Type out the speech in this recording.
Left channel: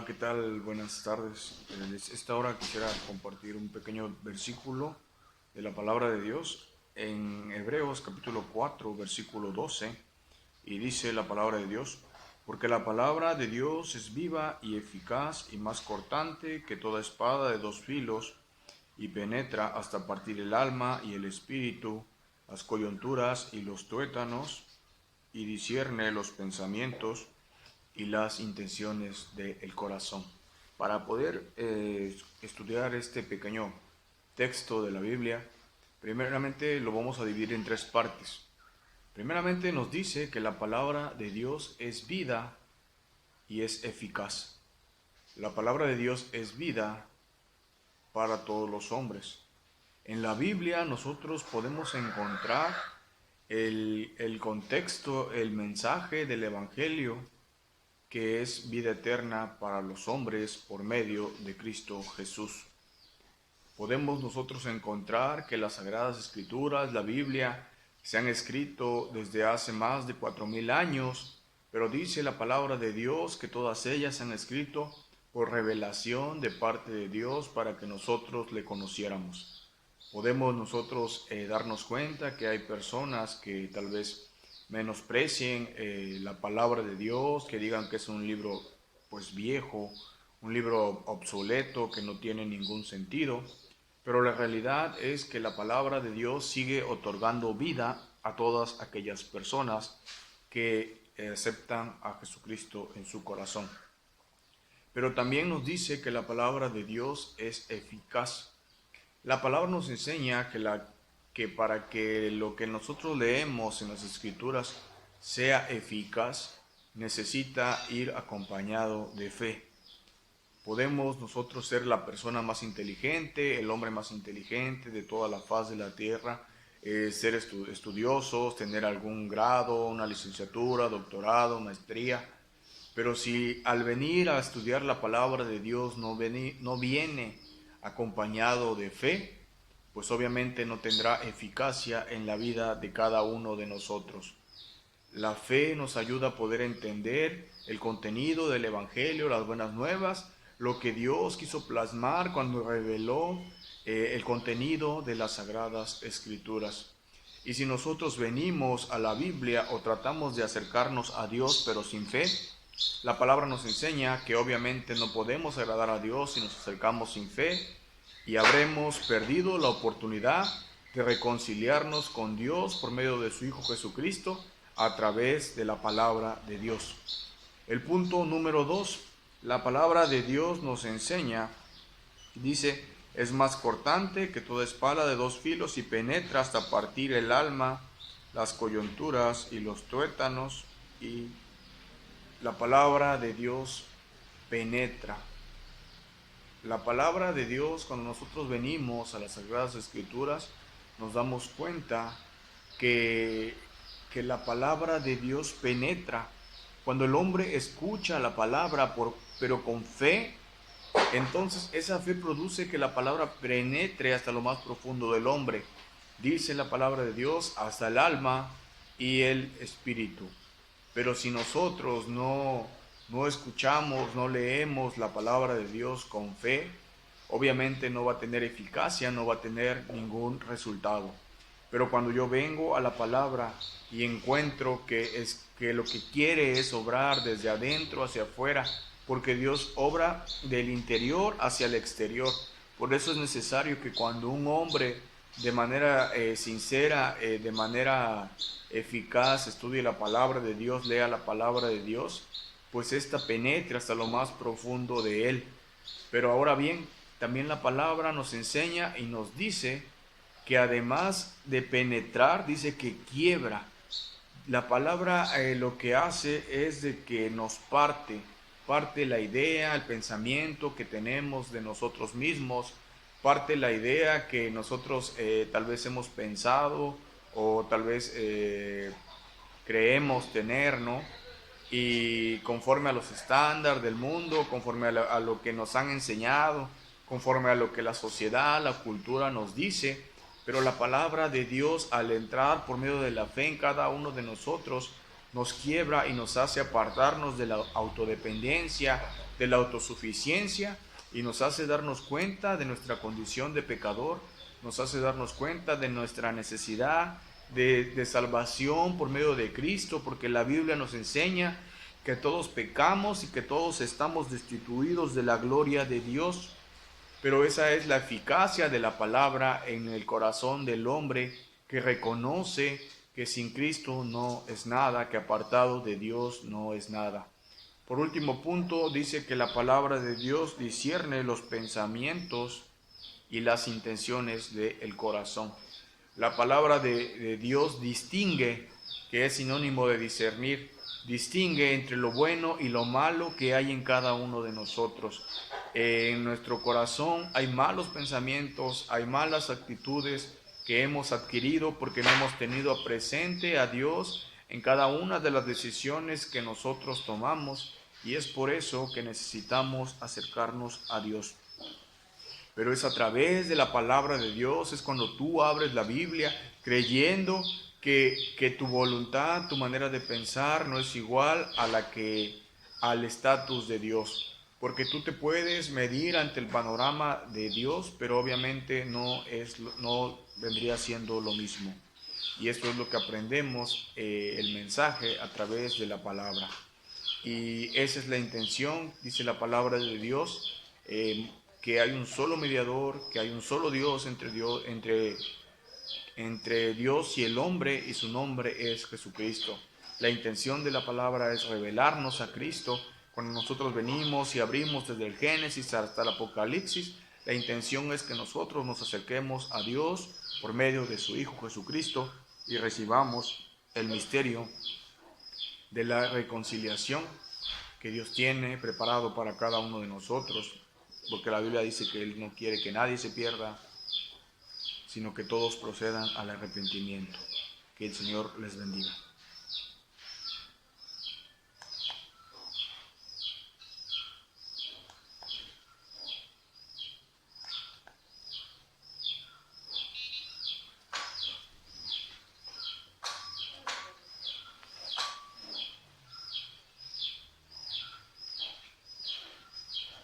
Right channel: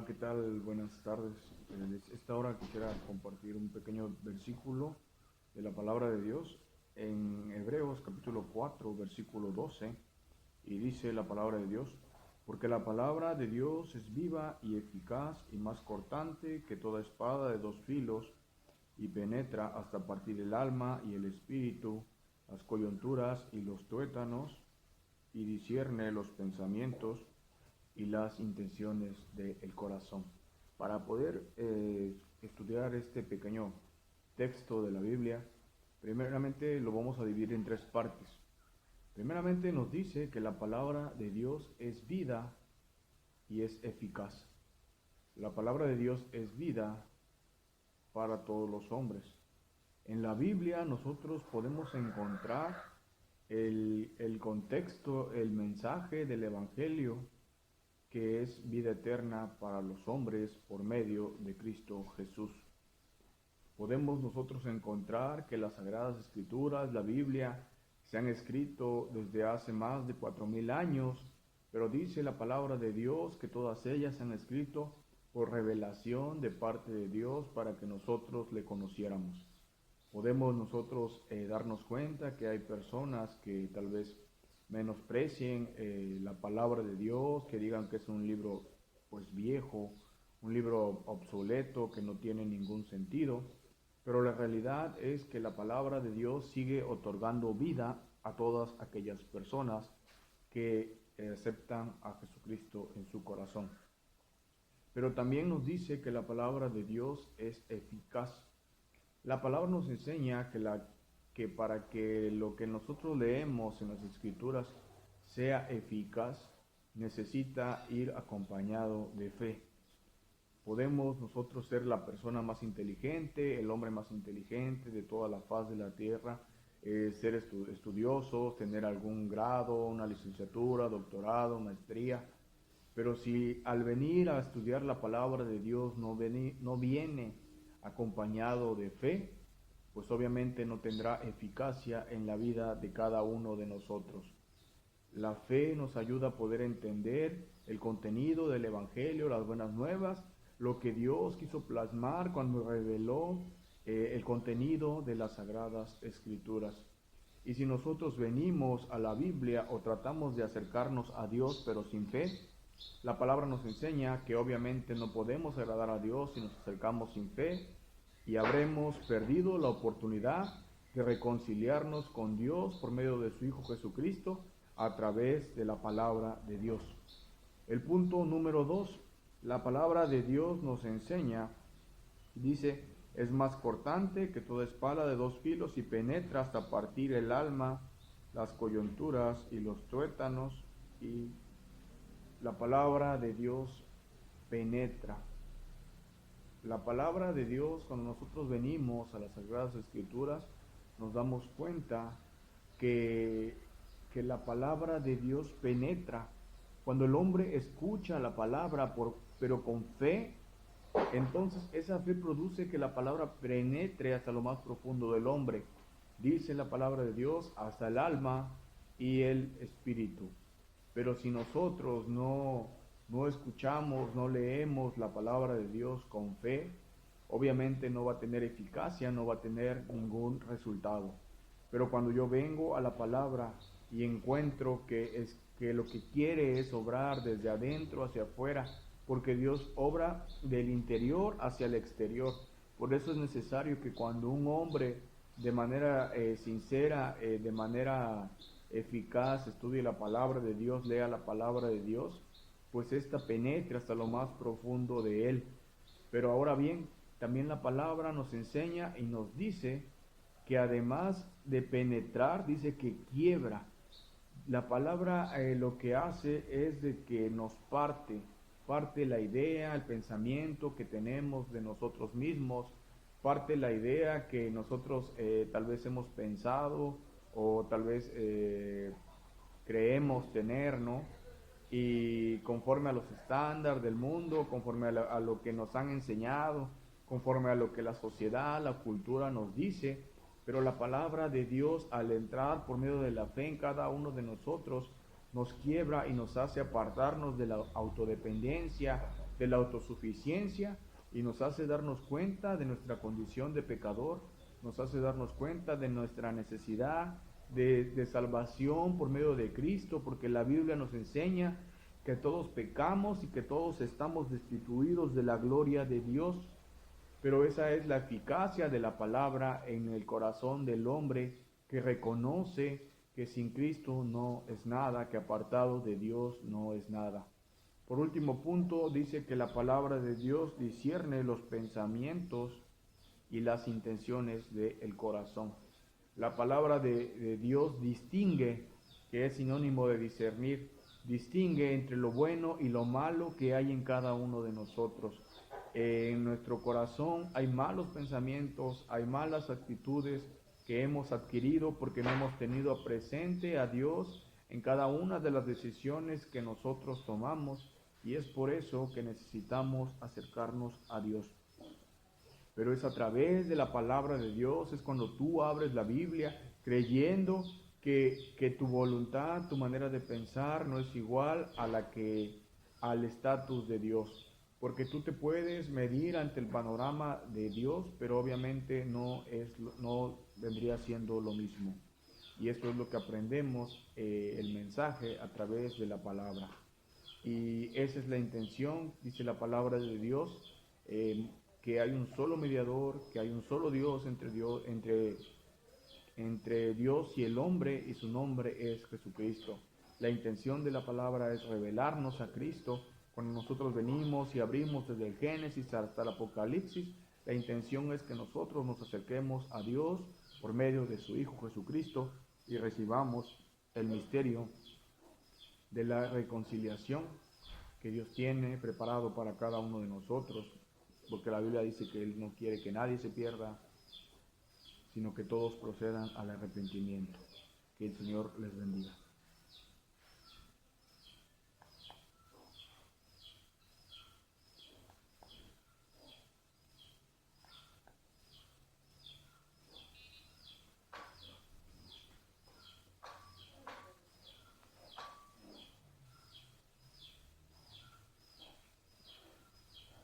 Hola, ¿qué tal? Buenas tardes. En esta hora quisiera compartir un pequeño versículo de la palabra de Dios en Hebreos capítulo 4, versículo 12, y dice la palabra de Dios: porque la palabra de Dios es viva y eficaz y más cortante que toda espada de dos filos, y penetra hasta partir el alma y el espíritu, las coyunturas y los tuétanos, y discierne los pensamientos y las intenciones del corazón. Para poder estudiar este pequeño texto de la Biblia, primeramente lo vamos a dividir en tres partes. Primeramente nos dice que la palabra de Dios es vida y es eficaz. La palabra de Dios es vida para todos los hombres. En la Biblia nosotros podemos encontrar el contexto, el mensaje del Evangelio, que es vida eterna para los hombres por medio de Cristo Jesús. Podemos nosotros encontrar que las Sagradas Escrituras, la Biblia, se han escrito desde hace más de 4000 años, pero dice la palabra de Dios que todas ellas se han escrito por revelación de parte de Dios para que nosotros le conociéramos. Podemos nosotros darnos cuenta que hay personas que tal vez menosprecien la palabra de Dios, que digan que es un libro pues viejo, un libro obsoleto que no tiene ningún sentido, pero la realidad es que la palabra de Dios sigue otorgando vida a todas aquellas personas que aceptan a Jesucristo en su corazón. Pero también nos dice que la palabra de Dios es eficaz. La palabra nos enseña que para que lo que nosotros leemos en las Escrituras sea eficaz, necesita ir acompañado de fe. Podemos nosotros ser la persona más inteligente, el hombre más inteligente de toda la faz de la tierra, ser estudiosos, tener algún grado, una licenciatura, doctorado, maestría, pero si al venir a estudiar la palabra de Dios no viene acompañado de fe, pues obviamente no tendrá eficacia en la vida de cada uno de nosotros. La fe nos ayuda a poder entender el contenido del Evangelio, las buenas nuevas, lo que Dios quiso plasmar cuando reveló el contenido de las Sagradas Escrituras. Y si nosotros venimos a la Biblia o tratamos de acercarnos a Dios pero sin fe, la palabra nos enseña que obviamente no podemos agradar a Dios si nos acercamos sin fe, y habremos perdido la oportunidad de reconciliarnos con Dios por medio de su Hijo Jesucristo a través de la palabra de Dios. El punto número 2, la palabra de Dios nos enseña, dice: es más cortante que toda espada de dos filos y penetra hasta partir el alma, las coyunturas y los tuétanos. Y la palabra de Dios penetra. La palabra de Dios, cuando nosotros venimos a las Sagradas Escrituras, nos damos cuenta que la palabra de Dios penetra. Cuando el hombre escucha la palabra pero con fe, entonces esa fe produce que la palabra penetre hasta lo más profundo del hombre. Dice la palabra de Dios hasta el alma y el espíritu. Pero si nosotros no escuchamos, no leemos la palabra de Dios con fe, obviamente no va a tener eficacia, no va a tener ningún resultado. Pero cuando yo vengo a la palabra y encuentro que lo que quiere es obrar desde adentro hacia afuera, porque Dios obra del interior hacia el exterior. Por eso es necesario que cuando un hombre de manera sincera, de manera eficaz, estudie la palabra de Dios, lea la palabra de Dios, pues esta penetre hasta lo más profundo de él. Pero ahora bien, también la palabra nos enseña y nos dice que además de penetrar, dice que quiebra. La palabra lo que hace es de que nos parte la idea, el pensamiento que tenemos de nosotros mismos, parte la idea que nosotros tal vez hemos pensado o tal vez creemos tener, ¿no? Y conforme a los estándares del mundo, conforme a lo que nos han enseñado, conforme a lo que la sociedad, la cultura nos dice. Pero la palabra de Dios, al entrar por medio de la fe en cada uno de nosotros, nos quiebra y nos hace apartarnos de la autodependencia, de la autosuficiencia, y nos hace darnos cuenta de nuestra condición de pecador, nos hace darnos cuenta de nuestra necesidad de salvación por medio de Cristo, porque la Biblia nos enseña que todos pecamos y que todos estamos destituidos de la gloria de Dios. Pero esa es la eficacia de la palabra en el corazón del hombre, que reconoce que sin Cristo no es nada, que apartado de Dios no es nada. Por último punto, dice que la palabra de Dios discierne los pensamientos y las intenciones del corazón. La palabra de Dios distingue, que es sinónimo de discernir, distingue entre lo bueno y lo malo que hay en cada uno de nosotros. En nuestro corazón hay malos pensamientos, hay malas actitudes que hemos adquirido porque no hemos tenido presente a Dios en cada una de las decisiones que nosotros tomamos, y es por eso que necesitamos acercarnos a Dios. Pero es a través de la palabra de Dios, es cuando tú abres la Biblia creyendo que tu voluntad, tu manera de pensar no es igual a la que al estatus de Dios. Porque tú te puedes medir ante el panorama de Dios, pero obviamente no vendría siendo lo mismo. Y esto es lo que aprendemos, el mensaje a través de la palabra. Y esa es la intención, dice la palabra de Dios, que hay un solo mediador, que hay un solo Dios entre Dios y el hombre, y su nombre es Jesucristo. La intención de la palabra es revelarnos a Cristo. Cuando nosotros venimos y abrimos desde el Génesis hasta el Apocalipsis, la intención es que nosotros nos acerquemos a Dios por medio de su Hijo Jesucristo y recibamos el misterio de la reconciliación que Dios tiene preparado para cada uno de nosotros, porque la Biblia dice que Él no quiere que nadie se pierda, sino que todos procedan al arrepentimiento. Que el Señor les bendiga.